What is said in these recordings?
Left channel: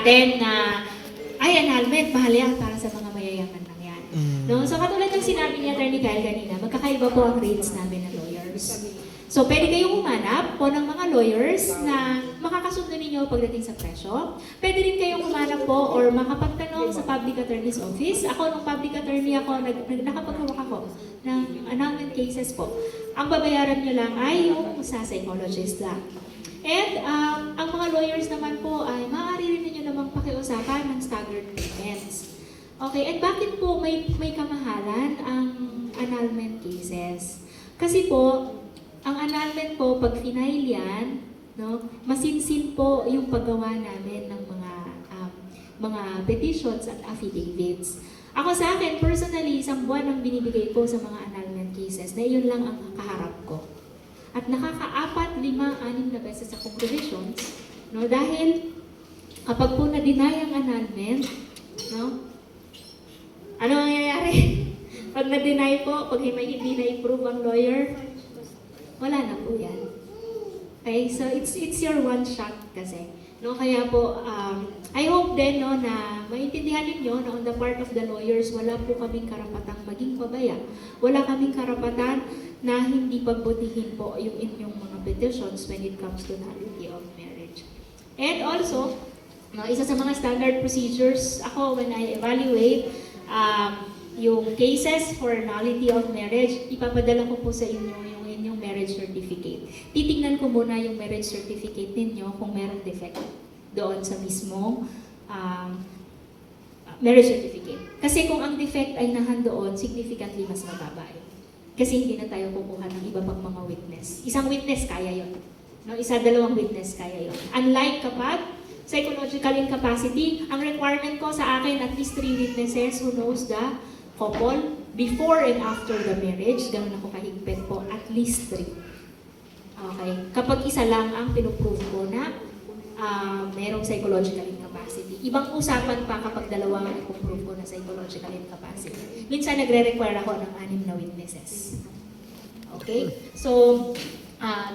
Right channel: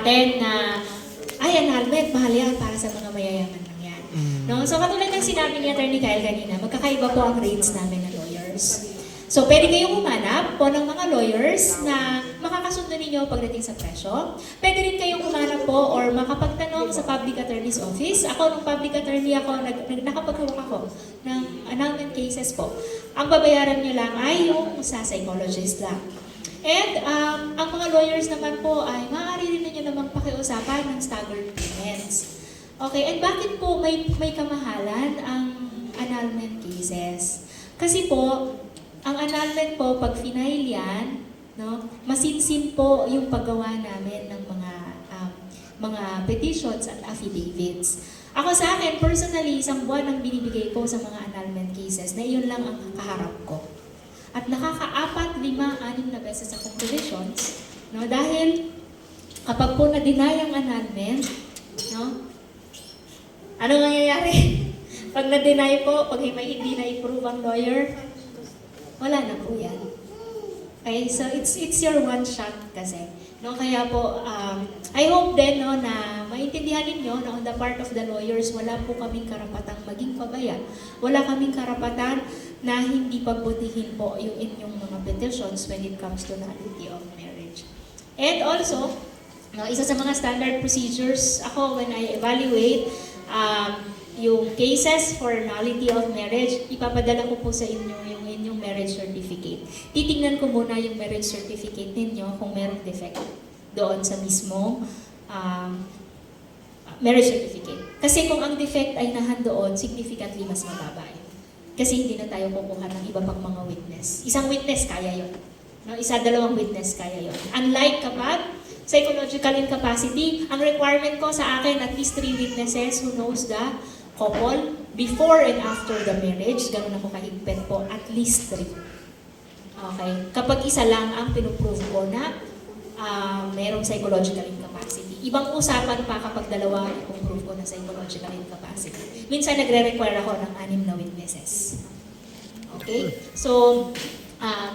atin na, ay, annulment, mahal yan para sa mga mayayaman lang yan. No? So katulad ng sinabi ni Atty. Kyle kanina, magkakaiba po ang rates namin ng lawyers. So pwede kayong humanap po ng mga lawyers na makakasundo ninyo pagdating sa presyo. Pwede rin kayong humanap po or makapagtanong sa public attorney's office. Ako, nung public attorney ako, nakapaghuwak ako ng annulment cases po. Ang babayaran nyo lang ay yung sa psychologist lang. And ang mga lawyers naman po ay maaari rin ninyo namang pakiusapan ng staggered payments. Okay, and bakit po may kamahalan ang annulment cases? Kasi po, ang annulment po, pag final yan, no, masinsin po yung paggawa namin ng mga petitions at affidavits. Ako sa akin, personally, isang buwan ang binibigay ko sa mga annulment cases na iyon lang ang kaharap ko. At nakaka-4, 5, 6 na beses akong petitions, no, dahil kapag po na-deny ang annulment, no, ano mangyayari? Pag na-deny po, pag hindi na-approve ang lawyer, wala na po yan. Okay, so it's your one shot kasi. No, kaya po, I hope din no, na maintindihan ninyo na on the part of the lawyers, wala po kaming karapatang maging pabaya. Wala kaming karapatan na hindi pagbutihin po yung inyong mga petitions when it comes to nullity of marriage. And also, no, isa sa mga standard procedures, ako when I evaluate yung cases for nullity of marriage, ipapadala ko po sa inyo yung inyong marriage certificate. Titingnan ko muna yung marriage certificate ninyo kung merong defect doon sa mismong marriage certificate. Kasi kung ang defect ay nahandoon, significantly mas mababa yun. Kasi hindi na tayo kukuha ng iba pang mga witness. Isang witness, kaya yun. No? Dalawang witness, kaya yun. Unlike kapag psychological incapacity, ang requirement ko sa akin, at least 3 witnesses who knows the couple before and after the marriage. Ganun ako kahigpit po, at least 3. Okay? Kapag isa lang ang pinuprove ko na mayroong psychological incapacity. Ibang usapan pa kapag dalawa ang ipuprove ko na psychological incapacity. Minsan nagre-require ako ng 6 na witnesses. Okay? So,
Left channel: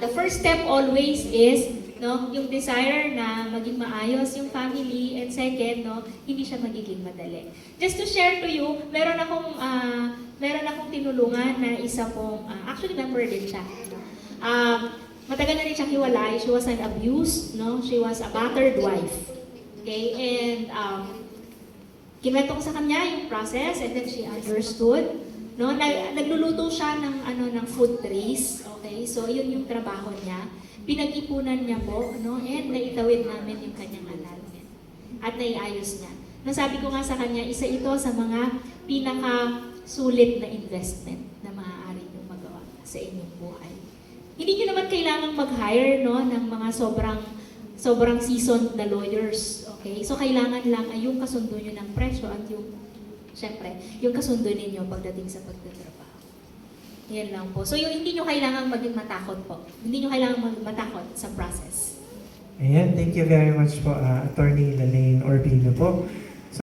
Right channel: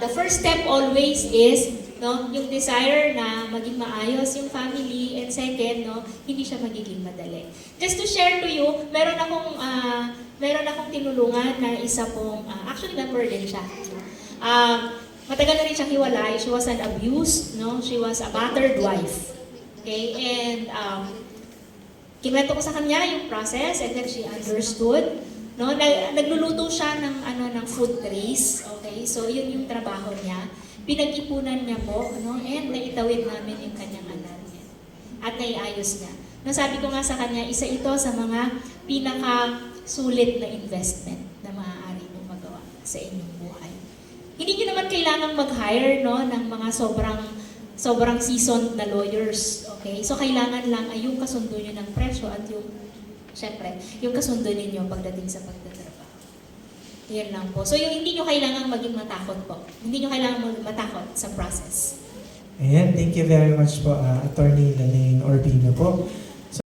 the first step always is no, yung desire na maging maayos yung family, and second, no, hindi siya magiging madali. Just to share to you, meron akong tinulungan na isa pong, actually member din siya. Matagal na rin siya hiwalay. She was an abused, no? She was a battered wife. Okay, and kinuwento ko sa kanya yung process, and then she understood. No, nagluluto siya ng food trays. Okay, so yun yung trabaho niya. Pinag-ipunan niya po, no, and naitawid namin yung kanyang annulment. At naiayos niya. No, sabi ko nga sa kanya, isa ito sa mga pinaka-sulit na investment na maaari mong magawa sa inyong buhay. Hindi niyo naman kailangang mag-hire, no, ng mga sobrang seasoned na lawyers. Okay? So kailangan lang ay yung kasundo niyo ng presyo at yung, syempre, yung kasundo ninyo pagdating sa pagtatrabaho. Yan lang po. So yung hindi nyo kailangang maging matakot po. Hindi nyo kailangang matakot sa process. Ayan, thank you very much po, Attorney Lalaine Orbino po.